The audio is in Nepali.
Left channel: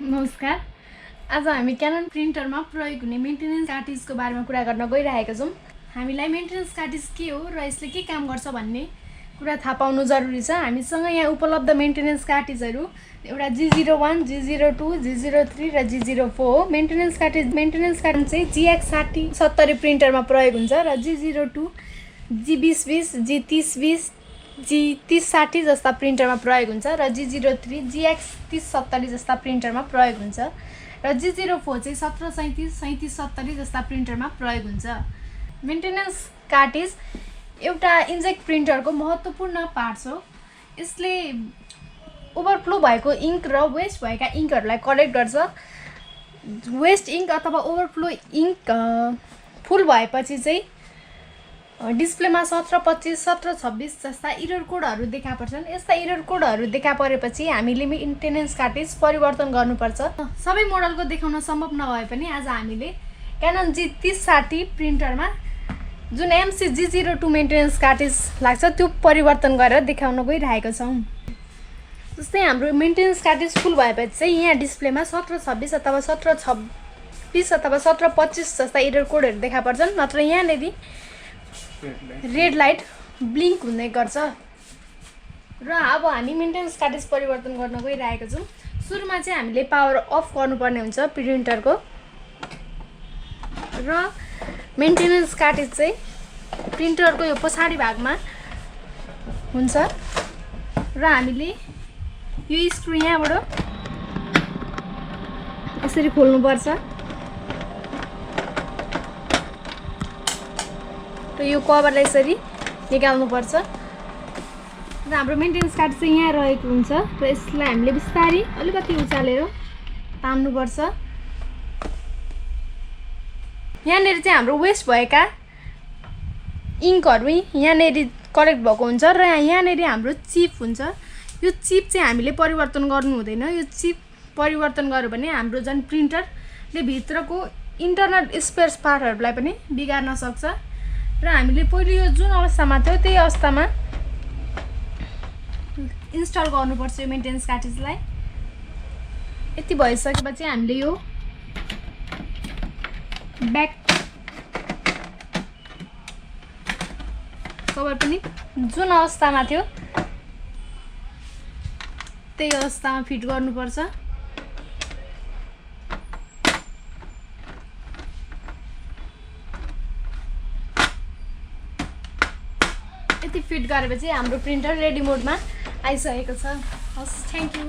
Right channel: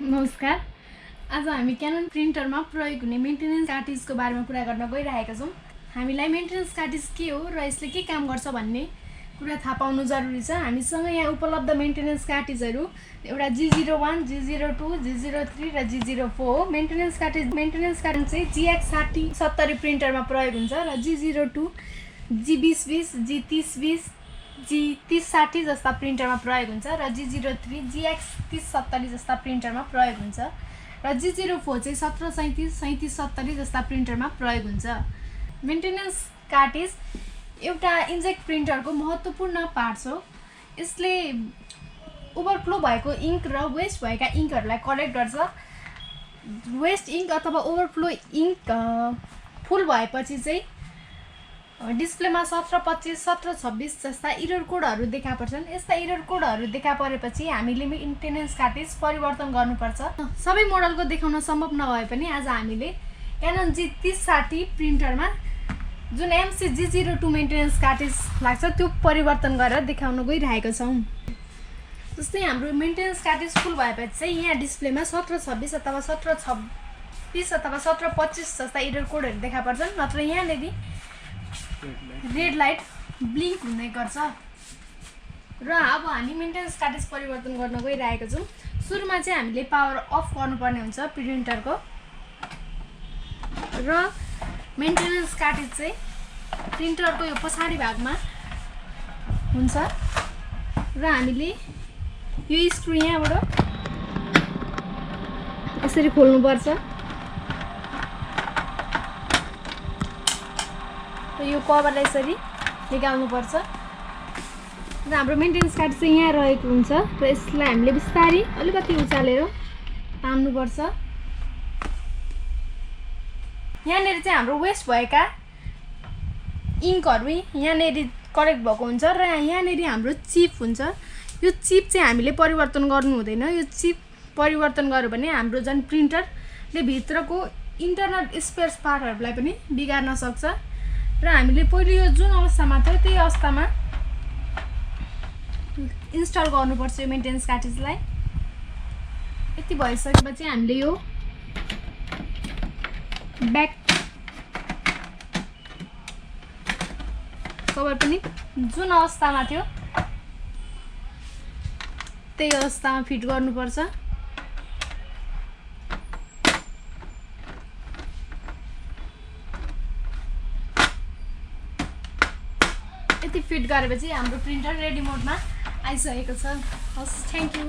नमस्कार। आज हामी क्यानन प्रिन्टरमा प्रयोग हुने मेन्टेनेन्स कार्ट्रिजको बारेमा कुरा गर्न गइरहेका छौँ। हामीलाई मेन्टेनेन्स कार्ट्रिज के हो र यसले के काम गर्छ भन्ने कुरा थाहा पाउनु जरुरी छ। हामीसँग यहाँ उपलब्ध मेन्टेनेन्स कार्ट्रिजहरू एउटा G01, G02, G03 र G04 हो। मेन्टेनेन्स कार्ट्रिज चाहिँ G0170 प्रिन्टरमा प्रयोग हुन्छ र G02, G2020, G3020, G3060 जस्ता प्रिन्टरमा प्रयोग हुन्छ र G03, G3070 जस्ता प्रिन्टरमा प्रयोग हुन्छ र G04 चाहिँ 1737, 3770 जस्ता प्रिन्टरमा प्रयोग हुन्छ। मेन्टेनेन्स कार्ट्रिज एउटा इन्जेक्ट प्रिन्टरको महत्त्वपूर्ण पार्ट हो। यसले ओभरफ्लो भएको इङ्क र वेस्ट भएका इङ्कहरूलाई कलेक्ट गर्छ। वेस्ट इङ्क अथवा ओभरफ्लो इङ्क फुल भएपछि चाहिँ डिस्प्लेमा 1725, 1726 जस्ता एरर कोडहरू देखा पर्छन्। यस्ता एरर कोडहरू देखा परेपछि हामीले मेन्टेनेन्स कार्ट्रिज परिवर्तन गर्नुपर्छ। सबै मोडलको देखाउन सम्भव नभए पनि आज हामीले क्यानन G3060 प्रिन्टरमा जुन MC-G02 मेन्टेनेन्स कार्ट्रिज लाग्छ त्यो परिवर्तन गरेर देखाउन गइरहेका छौँ। जस्तै हाम्रो मेन्टेनेन्स कार्ट्रिज फुल भएपछि चाहिँ यहाँ डिस्प्लेमा 1726 अथवा 1726 अथवा 1725 जस्ता एरर कोडहरू देखा पर्छन्। नत्र यहाँनेरि रेड लाइट ब्लिङ्क हुँदै गर्छ। र अब हामी मेन्टेनेन्स कार्ट्रिज परिवर्तन गर्न गइरहेका छौँ। सुरुमा चाहिँ हामीले पावर अफ गर्नुपर्ने हुन्छ प्रिन्टरको र मेन्टेनेन्स कार्ट्रिज चाहिँ प्रिन्टरको यो पछाडि भागमा हुन्छ र हामीले यो स्क्रु यहाँबाट यसरी खोल्नुपर्छ र यो कभरलाई यसरी निकाल्नुपर्छ र हाम्रो मेन्टेनेन्स कार्ट्रिज चाहिँ यहाँ रहेको हुन्छ र यसलाई हामीले बिस्तारै अलिकति उचालेर तान्नुपर्छ। यहाँनेरि चाहिँ हाम्रो वेस्ट भएका इङ्कहरू यहाँनेरि कलेक्ट भएको हुन्छ र यहाँनेरि हाम्रो चिप हुन्छ। यो चिप चाहिँ हामीले परिवर्तन गर्नु हुँदैन। यो चिप परिवर्तन गर्यो भने हाम्रो जुन प्रिन्टरले भित्रको इन्टरनल स्पेयर पार्टहरूलाई पनि बिगार्न सक्छ र हामीले पहिले यो जुन अवस्थामा थियो त्यही अवस्थामा इन्स्टल गर्नुपर्छ यो मेन्टेनेन्स कार्ट्रिजलाई। यति भइसकेपछि हामीले यो ब्याक कभर पनि जुन अवस्थामा थियो त्यही अवस्थामा फिट गर्नुपर्छ। यति फिट गरेपछि हाम्रो प्रिन्टर रेडी मोडमा आइसकेको छ। हस्, थ्याङ्क यू।